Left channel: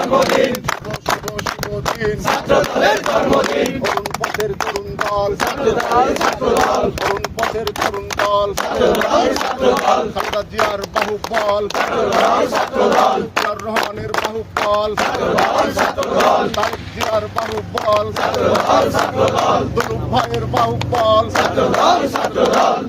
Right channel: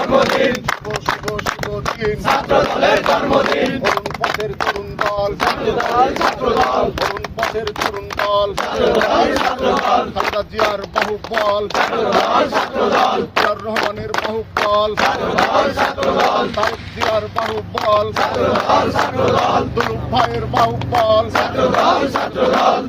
জন্মদিন। শুভ শুভ শুভ দিন ছাত্র দলের জন্মদিন। তরুণ পথের তরুণ দল। ছাত্র দল ছাত্র দল তরুণ পথের তরুণ দল। ছাত্র দল ছাত্র দল খালেদা জিয়ার বাহুবল। ছাত্র দল ছাত্র দল জিয়ার রহমানের বাহুবল। ছাত্র দল ছাত্র দল তারেক জিয়ার বাহুবল। ছাত্র দল ছাত্র দল দুলুক ভাইয়ের বাহুবল। ছাত্র দল ছাত্র দল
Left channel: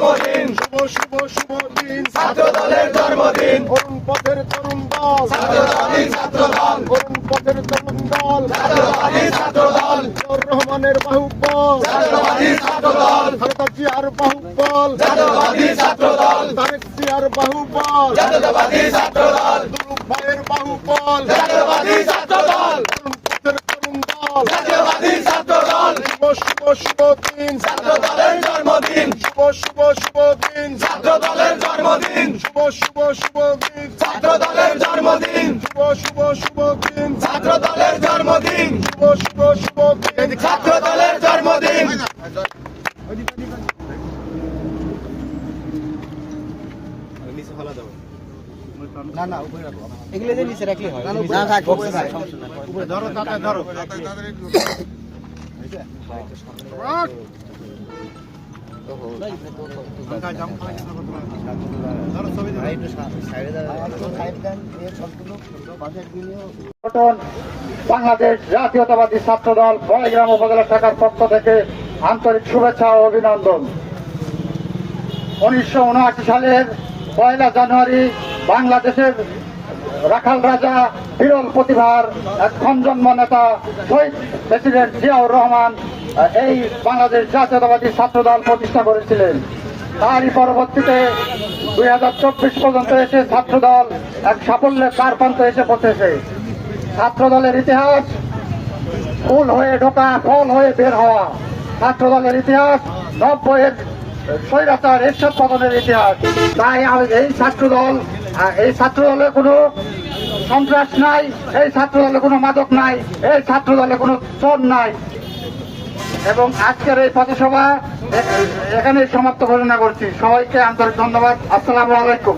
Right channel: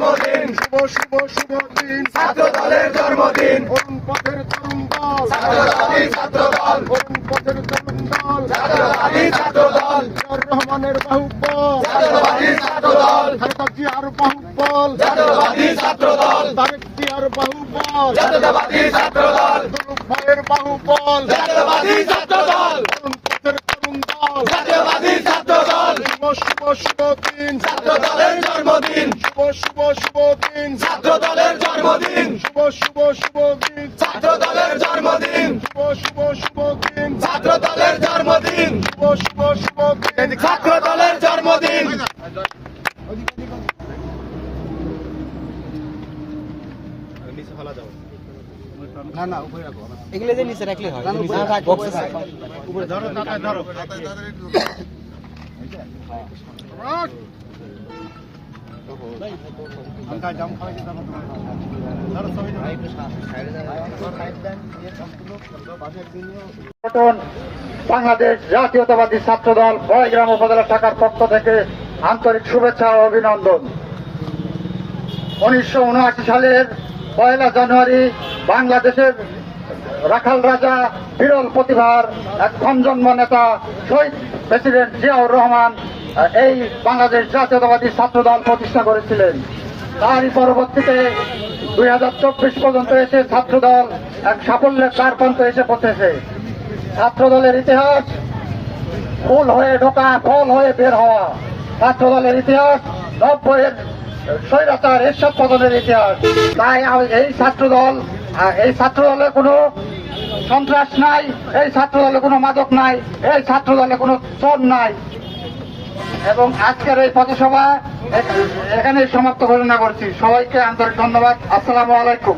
জন্মদিন। শুভ শুভ শুভ দিন। ছাত্র দলের জন্মদিন। তরুণ পথের তরুণ দল। ছাত্রবাদী ছাত্র দল তরুণ পথের তরুণ দল। ছাত্রবাদী ছাত্র দল জিয়াউর রহমানের বাহুবল। ছাত্রবাদী ছাত্র দল খালেদা জিয়ার বাহুবল। ছাত্রবাদী ছাত্র দল তারেক জিয়ার বাহুবল। জাতীয়তাবাদী ছাত্র দল দুলুক ভাইয়ের বাহুবল। ছাত্র দল তরুণ পথের তরুণ দল জাতীয়তাবাদী ছাত্র দল শুভ শুভ শুভ দিন ছাত্র দলের জন্মদিন শুভ শুভ শুভ দিন। ছাত্র দলের জন্মদিন। শুভ শুভ শুভ দিন। ছাত্র দলের জন্মদিন। শুভ শুভ শুভ দিন। ছাত্র দলের জন্মদিন। শুভ শুভ শুভ দিন। ছাত্র দলের জন্মদিন এগুলো যে নিচে রাখলে হয়। বক্সে থাকে। ধরো সংগঠন বাংলাদেশ জাতীয়তাবাদী ছাত্র দল বয়গ্রাম উপজেলা শাখার পক্ষ থেকে আন্তরিক শুভেচ্ছা ও অভিনন্দন। উনিশশো উনআশি সালের পয়লা জানুয়ারি বাংলাদেশের রাখাল রাজা বিরল প্রতিভার এক খঞ্জন্ম নেতা শহীদ প্রেসিডেন্ট জিয়াউর রহমান এই বাংলাদেশ জাতীয়তাবাদী ছাত্র দল প্রতিষ্ঠা করেছিলেন। তারই পরবর্তীতে দুই হাজার চব্বিশ পর্যন্ত এসে ছাত্র দল এক সাফল্যের কার প্রান্তে এসে পৌঁছেছে। ছাত্র দলের ইতিহাস ফুল হয়ে ঢোকা, ফল হয়ে বের হওয়া। ছাত্র দলের ইতিহাস নব্বইয়ের স্বৈরাচার এরশাদ পতনের ইতিহাস। তাই এই ছাত্র দল এই ছাত্র দলে কোনো সন্ত্রাস নাই, এই ছাত্র দলে কোনো মাদক নাই, এই ছাত্র দলে কোনো চোর নাই। এবং আজকের এই পথসভা এখানে সমাপ্ত ঘোষণা করছি। সবাইকে আন্তরিক ধন্যবাদ। আসসালামু আলাইকুম।